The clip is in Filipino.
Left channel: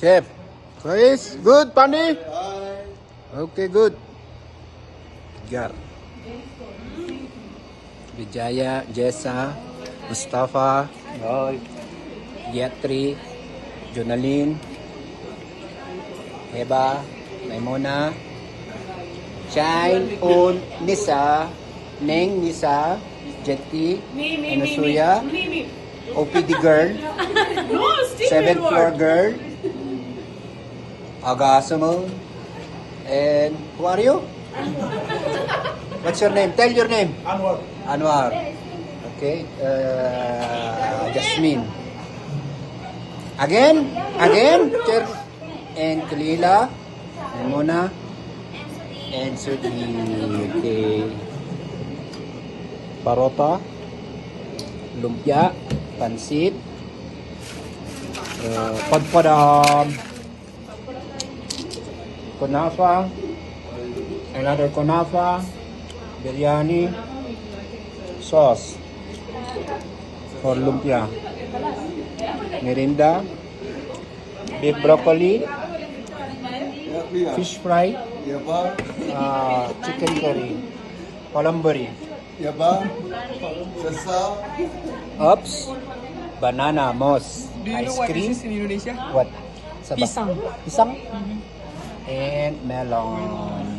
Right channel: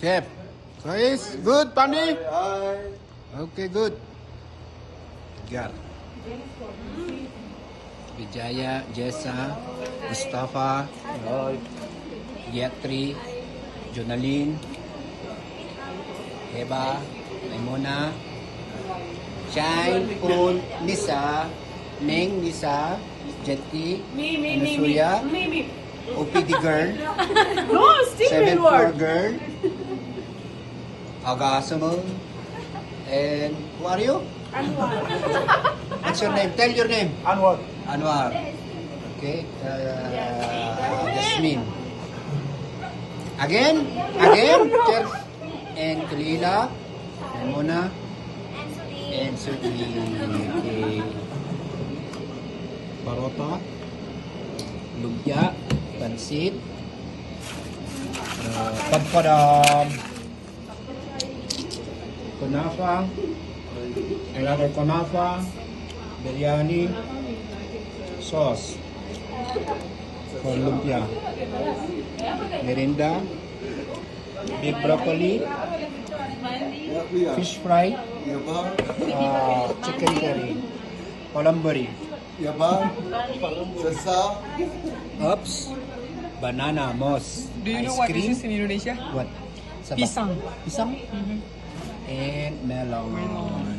Chef, Chris, good, Pani? Okay, good. Got Vijaya, Jessa, Mustafa, Roy, Yatri, Jonaline, Heba, Maimuna, Shine, Un, Nisa, Neng, Nisa, Jetty, Inusuya, OPD girl, No, stick 7-4 girl, Agasamo, and who are you? What's your name? Tell your name. Anwar. Anwar. Okay. Jasmine. Again? Chef. And Kalila. Mona. And Suki. Okay. Parota. Lumpia. Pansit. Padpadam. Kunafa. Another kunafa. Biryani. Sauce. For lumpia. Merinda. Beef broccoli. Fish fry. Chicken curry. Palambari. Ups. Banana moss. Do you know Ice what cream. is this in Indonesia? What? Sabah? Pisang. Pisang? And melon.